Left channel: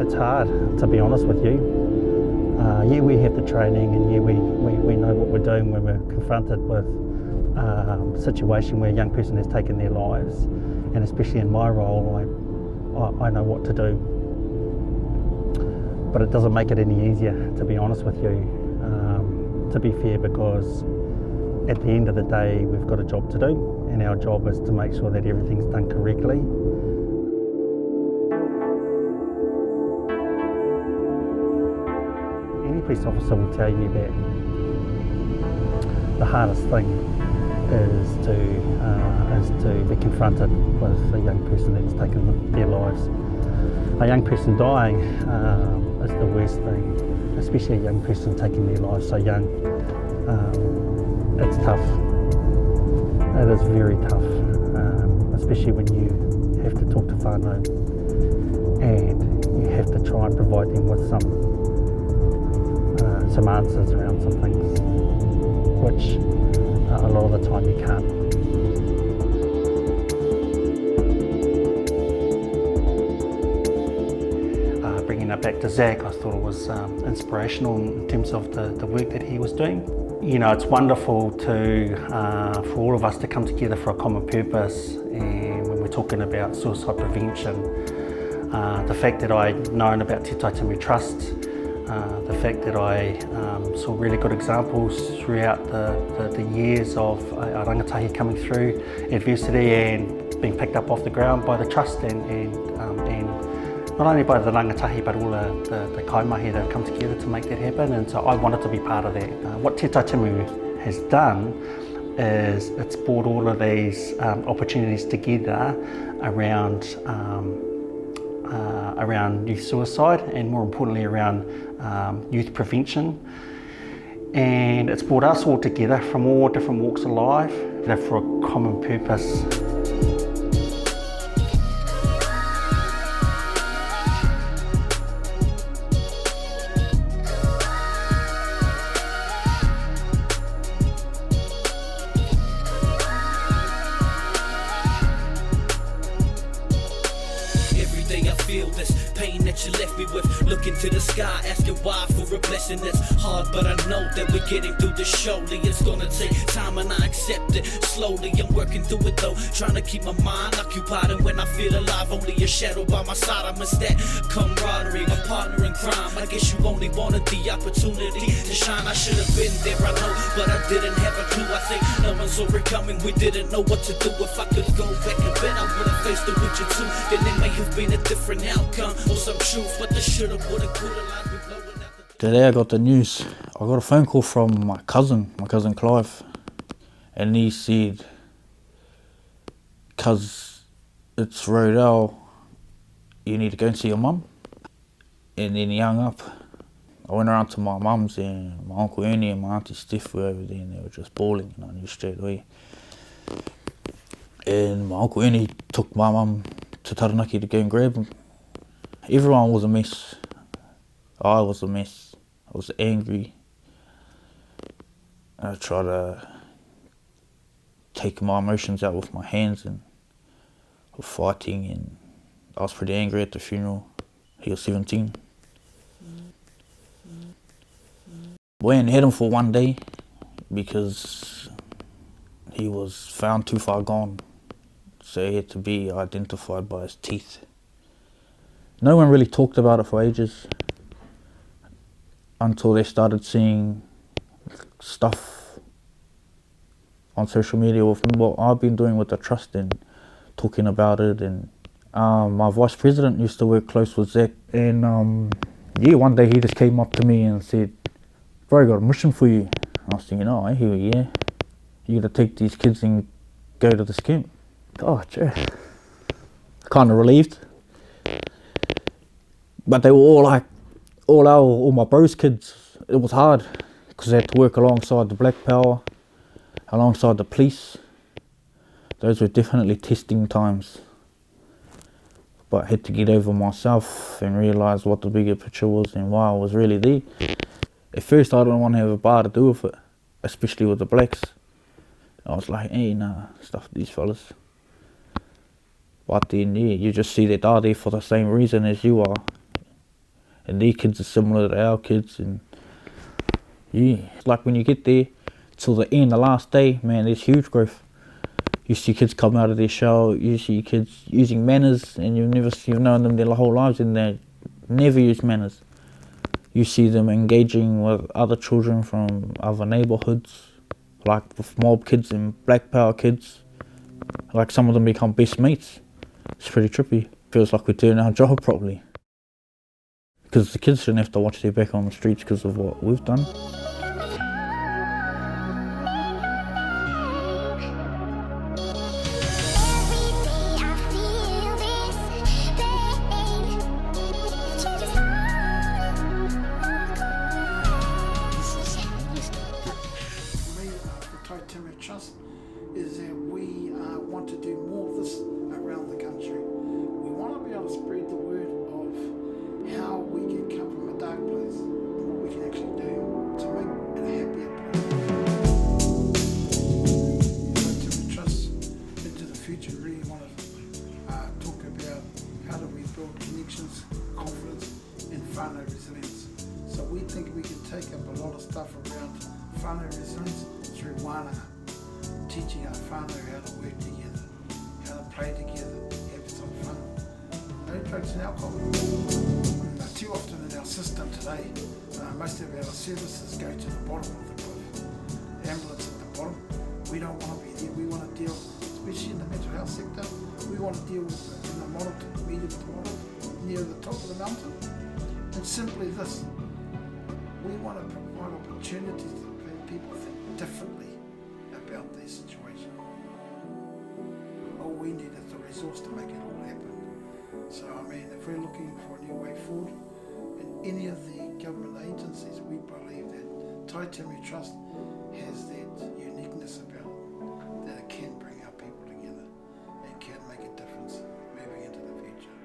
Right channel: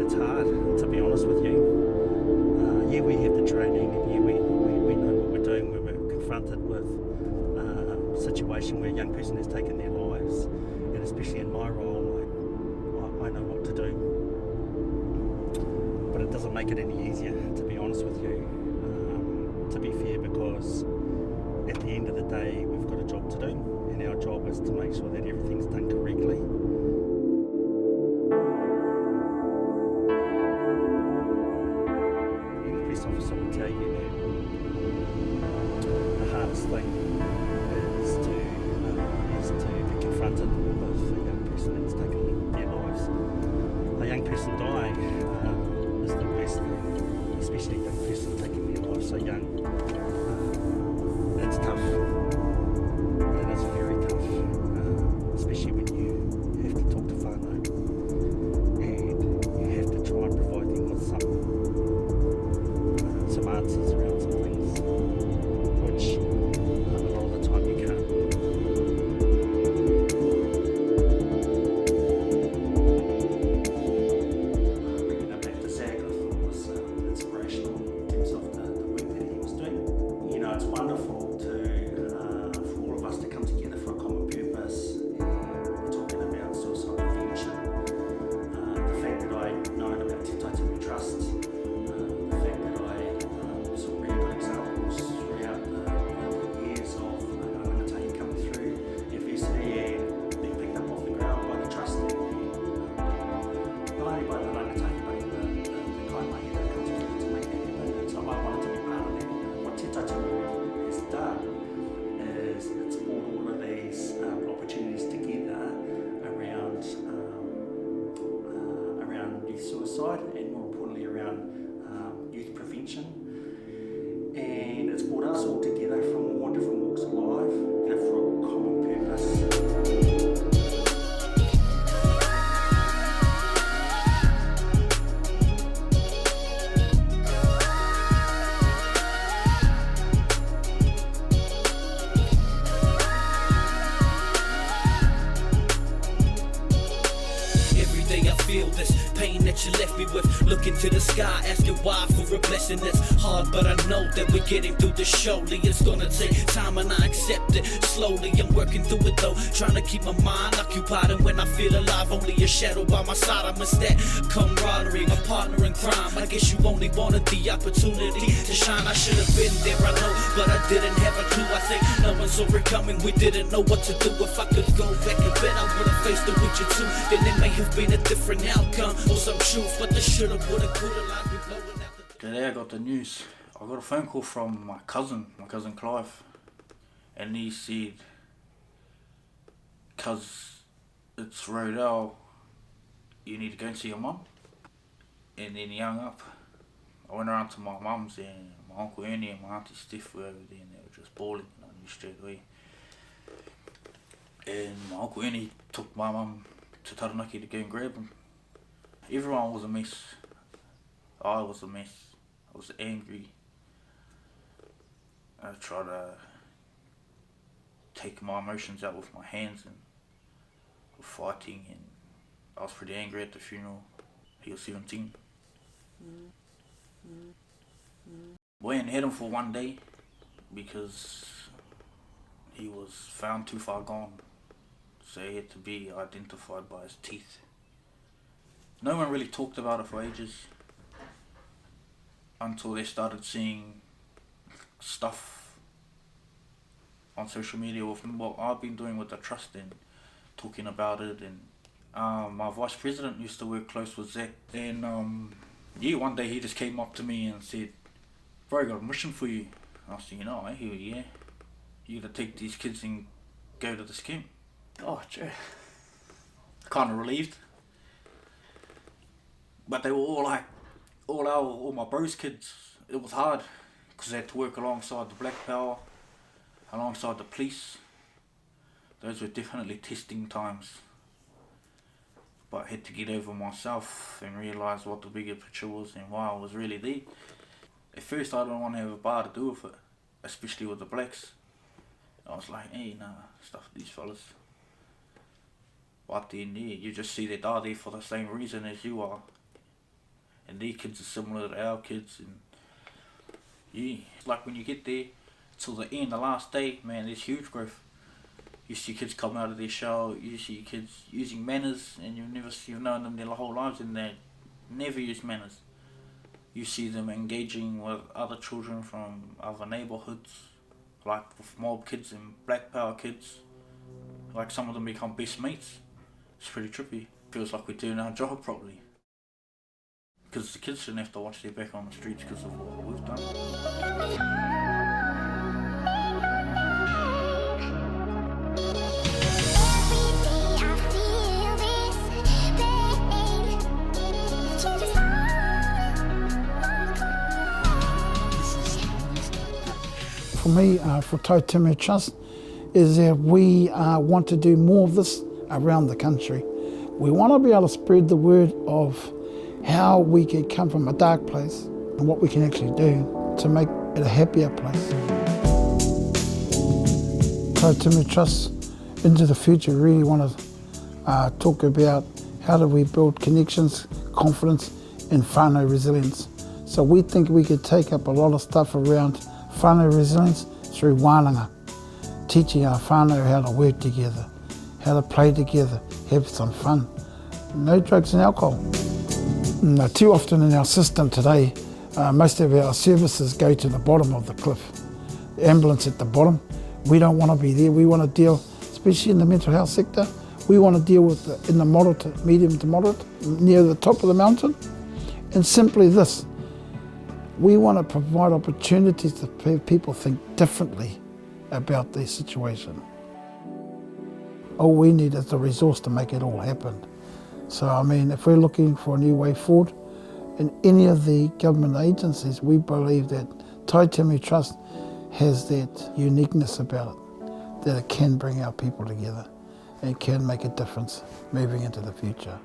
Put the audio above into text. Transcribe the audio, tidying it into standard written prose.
It's hard, to be honest with you. Yeah, we have the training, and yeah, we know what we're doing when we're confronted with a situation where a young person has taken their lives, and especially in my role, I know what to do. But it doesn't make it any easier, to be honest with you, to be fair, because at the end of the day, we've got a job to do, and our job is to make sure that everything's done correctly. Any police officer will tell you that the hardest thing is to be confronted with a young person that's taken their lives. A young person dying is the worst thing, especially a young person taking their lives so young. It's tough. It is very tough, especially when you have to talk to whānau and you have to try and provide them with some answers around some things, which a lot of the time you can't. Bringing that back to Zach, I thought it was inspirational in terms of the work that he was doing. You know, it's wonderful for all of us to come together for a common purpose, and when we're talking about suicide prevention, the fact that I'd known about Te Taitimu Trust, the fact that I saw really good examples throughout the years of a rangatahi coming through adversity and being picked up off the ground by the Trust, and not only by the rangatahi but all the kaimahi that have come together to make that happen, and so I wanted to be part of that. What Te Taitimu has done is it's brought all of these opportunities together around youth suicide, and more importantly around youth prevention, and it's brought us all together from all different walks of life for a common purpose. I feel this pain that you left me with. Looking to the sky, asking why for a blessing that's hard, but I know that we're getting through this. Surely it's gonna take time, and I accept it. Slowly I'm working through it though, trying to keep my mind occupied. And when I feel alive, only a shadow by my side. I miss that camaraderie, my partner in crime. I guess you only wanted the opportunity to shine. I should have been there, I know, but I didn't have a clue. I think no one saw it coming. We didn't know what to do. If I could go back and bet, I would have faced it with you too. Then it may have been a different outcome or some truth, but the shoulda, woulda, coulda lines be blowing out the... Today I got the news. I got a phone call from my cousin Clive, and he said, "Cuz it's Rodell, you need to go and see your mum." And then he hung up. I went around to my mum's, and my Uncle Ernie and my Auntie Steph were over there, and they were just bawling, and I knew straight away. And my Uncle Ernie took my mum to Taranaki to go and grab him. Everyone was a mess. I was a mess. I was angry. I tried to take my emotions out with my hands and fighting, and I was pretty angry at the funeral. He was 17. We only had him for one day because he was found too far gone, so he had to be identified by his teeth. No one really talked about it for ages until they started seeing stuff on social media with what I've been doing with the Trust and talking about it. And my vice president used to work close with Zach, and yeah, one day he just came up to me and said, "Bro, I got a mission for you." I was thinking, "Oh, I hear you, yeah. You gotta take these kids and go to this camp." Oh, gee. Kind of relieved. But they were all like, all my bros' kids. It was hard because they had to work alongside the Black Power, alongside the police. Those were definitely testing times. but I had to get over myself and realise what the bigger picture was and why I was really there. At first I didn't want to have a bar to do with it, especially with the blacks. I was like, hey, nah, stuff these fellas. But then, yeah, you just see that they're there for the same reason as you are. And their kids are similar to our kids. And yeah, it's like when you get there till the end, the last day, man, there's huge growth. You see kids come out of their shell, you see kids using manners, and you've known them their whole lives and they never use manners. You see them engaging with other children from other neighbourhoods, like with mob kids and black power kids. Like some of them become best mates. It's pretty trippy. Feels like we're doing our job properly. Because the kids shouldn't have to watch their back on the streets because of what we've done. For me, for Taitimu Trust, is that we want to do more of this around the country. We want to be able to spread the word of how we can come from a dark place and what we can actually do to make it a happier place. Taitimu Trust into the future really want to talk about how do we build connections, confidence and whānau resilience. So we think we could take up a lot of stuff around whānau resilience through wānanga, teaching our whānau how to work together, how to play together, have some fun. No drugs and alcohol. Too often in our system today, most of our services go to the bottom of the cliff. The ambulance at the bottom, we don't want to be there. We want to deal, especially in the mental health sector, we want to deal with in the moderate, medium to moderate, near the top of the mountain. And simply this, we want to provide opportunities to people think differently about their situation. All we need is the resource to make it all happen. So I mean, if we're looking for a new way forward, in any of the government agencies, we believe that Taitimu Trust has that uniqueness about it, that it can bring our people together and can make a difference moving into the future.